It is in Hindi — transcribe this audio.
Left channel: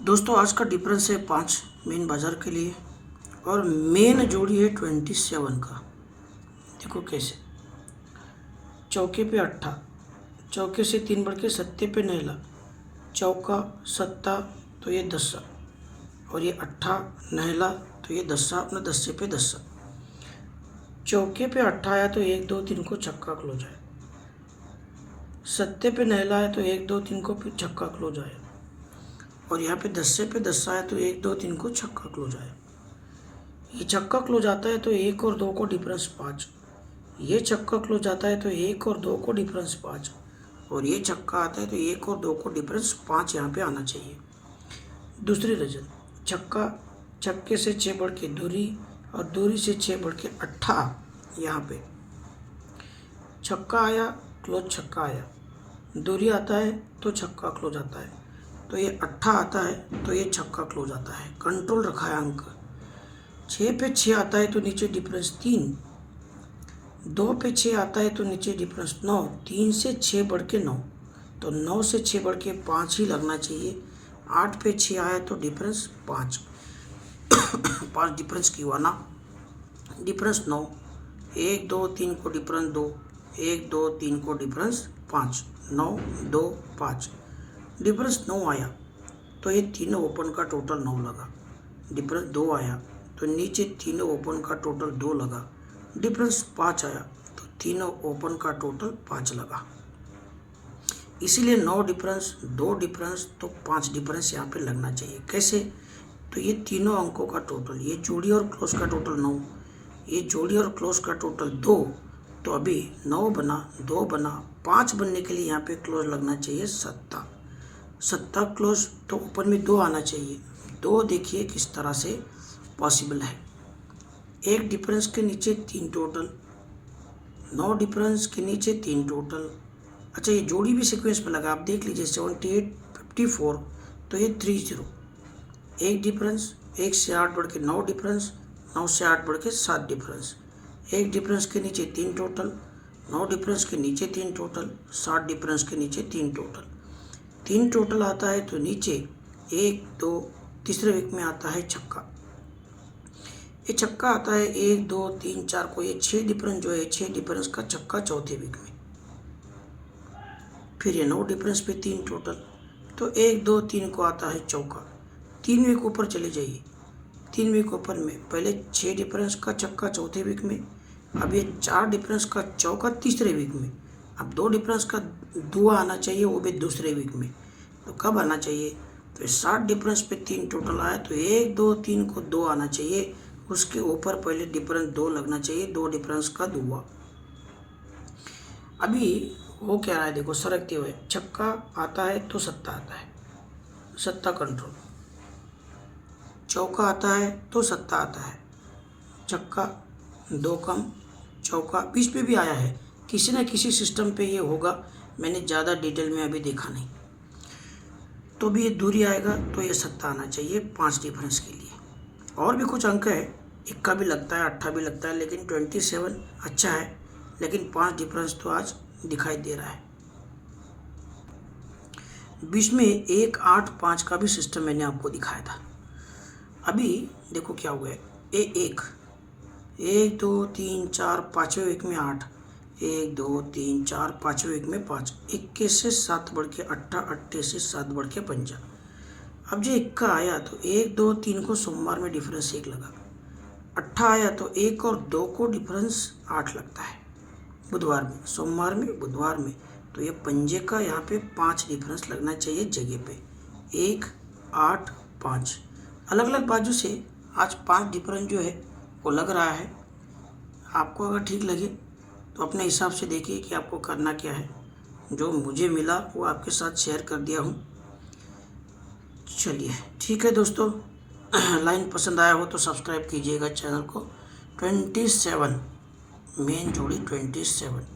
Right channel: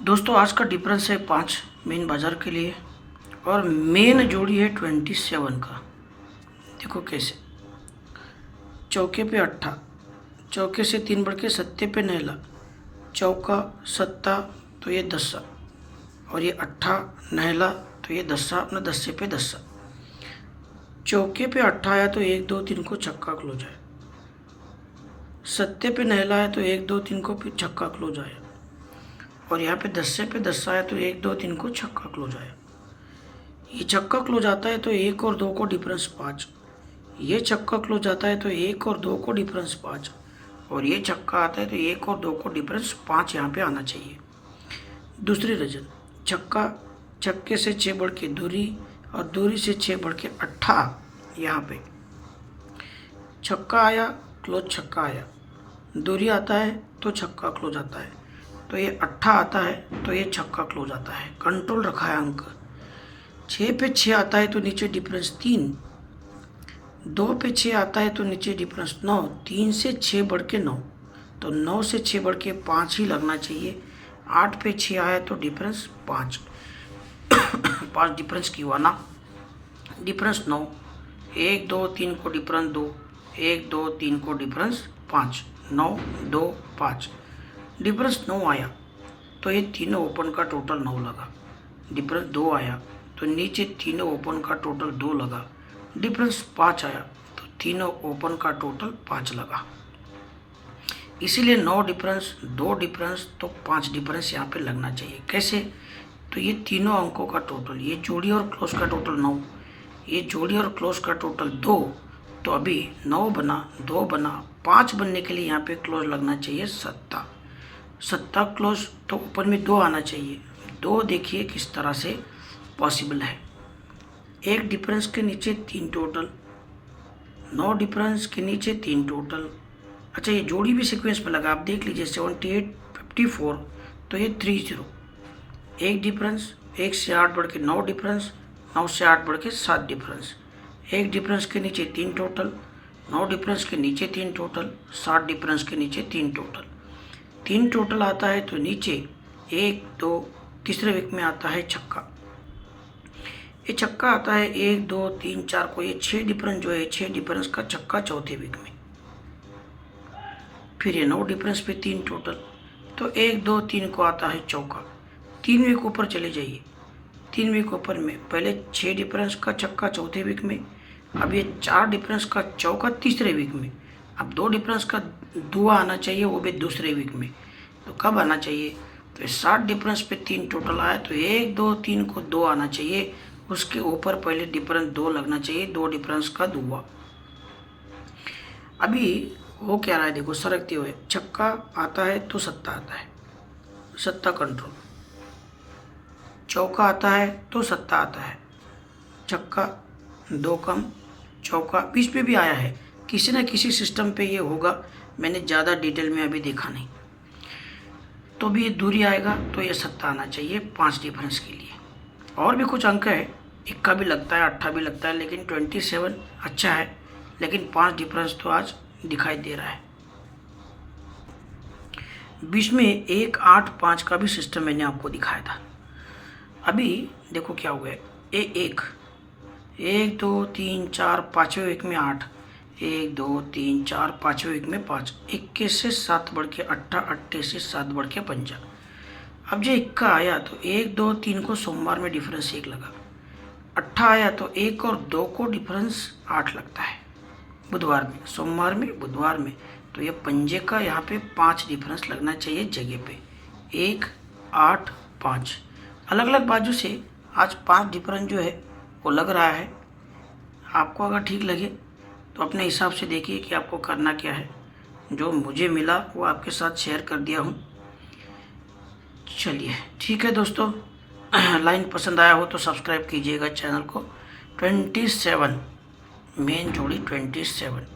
दोस्तों आज का डिफरेंस है 5 मेन बाजार के लिए और मेन जोड़ी है 27 का। देखो कैसे, चौके पे अट्ठा, चौके से 3 बढ़ के सत्ते पे नहला, चौका सत्ता तो ये दस्सा, और ये अट्ठा नहला तो ये दस्सा, अपना दस्से पे दस्सा। चौके पे अट्ठा आया तो 1 2 3 को छक्का क्लोज है, सत्ते पे नहला है तो 1 2 3 को फिर छक्का क्लोज आया, और यहाँ पे दस्से पे दस्सा है तो 1 2 3 को छक्का क्लोज आया। ये छक्का क्लोज आता है तो 1 और 2 को डिफरेंस 5, ये छक्का क्लोज आता है तो 1 और 2 को डिफरेंस 5, और ये छक्का आता है तो 1 और 2 को डिफरेंस 5 यहाँ पे आना चाहिए। दूसरी रजन, छक्का, छक्के से 6 बढ़ के दूरी और दूरी से 6 बढ़ के अट्ठा, यहाँ पे छक्का आया क्लोज छक्का आया, दूरी आता है तो छक्का क्लोज आता है, तो ये अट्ठा आता है तो ये छक्का क्लोज आता है। कंट्रोल रखा है अंक। 6 पे 6 आता है तो नीचे डिफरेंस 3, 2 पे 6 आता है तो नीचे डिफरेंस 9, 3 से 6 बढ़ के 9, तो 9 से 6 बढ़ के 5 ही लगना चाहिए। 8 पे 6 आया तो डिफरेंस 5 5 डिफरेंस की हुआ ना, डिफरेंस 9, 1 2 3 को डिफरेंस 2, 1 2 3 को डिफरेंस 5, 9 2 5, डिफरेंस 9 आया तो ये तीनों ओपन का टोटल 9 लगा। डिफरेंस 2 आया तो नीचे तीनों ओपन का टोटल 2 लगा। डिफरेंस 5 आया तो तीनों ओपन का टोटल 5 लगा। इसीलिए 9 डिफरेंस, 2 डिफरेंस तो 5 डिफरेंस यहाँ पे लगना चाहिए। कैसे? तो ये तीनों अंकों का टोटल, ये जोड़ी और क्लोज का टोटल 9, ये जोड़ी और क्लोज का टोटल 2, तो अभी 9 बना, 2 बना, 5 बनने के लिए यहाँ पे क्लोज लगना चाहिए सत्ता। सत्ता क्लोज तो ऊपर में 2 आना चाहिए। 2 देखिए किस तरह से पॉसिबल है। 1 डिफरेंस के नीचे 3 टोटल, 9 डिफरेंस के नीचे 3 टोटल। अच्छा, ये जोड़ी भी सीक्वेंस में लगा, आप देख लीजिए 78 54, तो ये 30। 1 डिफरेंस, 1 से 8 बढ़ के 9 डिफरेंस, 9 से 8 बढ़ के 7 डिफरेंस। 1 डिफरेंस के नीचे 3 टोटल, 9 डिफरेंस के नीचे 3 टोटल, 7 डिफरेंस के नीचे 3 टोटल। 3 टोटल आता है तो नीचे 1 2, तीसरे वीक में आता है छक्का। ये छक्का आता है 1 2 3 4 को, ये 6 डिफरेंस जो है 6 डिफरेंस का छक्का चौथे वीक में। फिर ये 9 डिफरेंस पे 3 टोटल, तो 1 2 3 को आता है चौका। 3 वीक ऊपर चले जाइए, 3 वीक ऊपर में पहले 6 डिफरेंस का छक्का चौथे वीक में, अब ये 4 डिफरेंस का चौका तीसरे वीक में। अब 2 डिफरेंस का दुआ आना चाहिए, वो भी दूसरे वीक में। तो कब आना चाहिए? तो 7 डिफरेंस पे 3 टोटल आया तो 1 2 3 को 2 आना चाहिए, उसके ऊपर पहले डिफरेंस 2 लगना चाहिए, 2 डिफरेंस का दुआ। अभी वो क्या रहा है, देखो सरकते हुए, छक्का आता है तो सत्ता आता है, सत्ता कंट्रोल। चौका आता है तो सत्ता आता है, छक्का 2 कम, चौका बीच में भी आया है, किसी न किसी सिस्टम पे ये होगा, मैंने ज़्यादा डिटेल में अभी देखा नहीं। तो भी ये दूरी आएगा तो ये सत्ता आना चाहिए 5 डिफरेंस के लिए। और भी कुछ अंक है, इक्का भी लगता है, अट्ठा भी लगता है, लेकिन 27 अच्छा है, लेकिन 5 डिफरेंस तो आज दिखाई दे रहा है। बीच में 1 8 5 का भी सिस्टम मैंने आपको दिखाया था। अभी देखो क्या हुआ है, 1 2 3 4 5वें वीक में 8, 1 2 3 4 5वें वीक में 5, 21 से 7 बढ़ के 8, 8 से 7 बढ़ के 5। अब जो इक्का आया तो 1 2 3 को सोमवार में डिफरेंस 1 लगा, अट्ठा आया तो 1 और 2 को डिफरेंस 8 लगता है बुधवार में, सोमवार में, बुधवार में। तो ये पंजे का यहाँ पे 5 डिफरेंस लगना चाहिए जगह पे, 1 8 5। अलग अलग बाजू से आज 5 डिफरेंस जो है वो लग रहा है। आपको अगर ठीक लगे तो अपने हिसाब से देखिए कि आपको करना क्या है। जो मुझे मिला वो आपके साथ शेयर कर दिया हूँ। चलिए ठीक है दोस्तों, लाइन पसंद आया हो तो सब्सक्राइब कीजिएगा चैनल को। 27 मेन जोड़ी 27।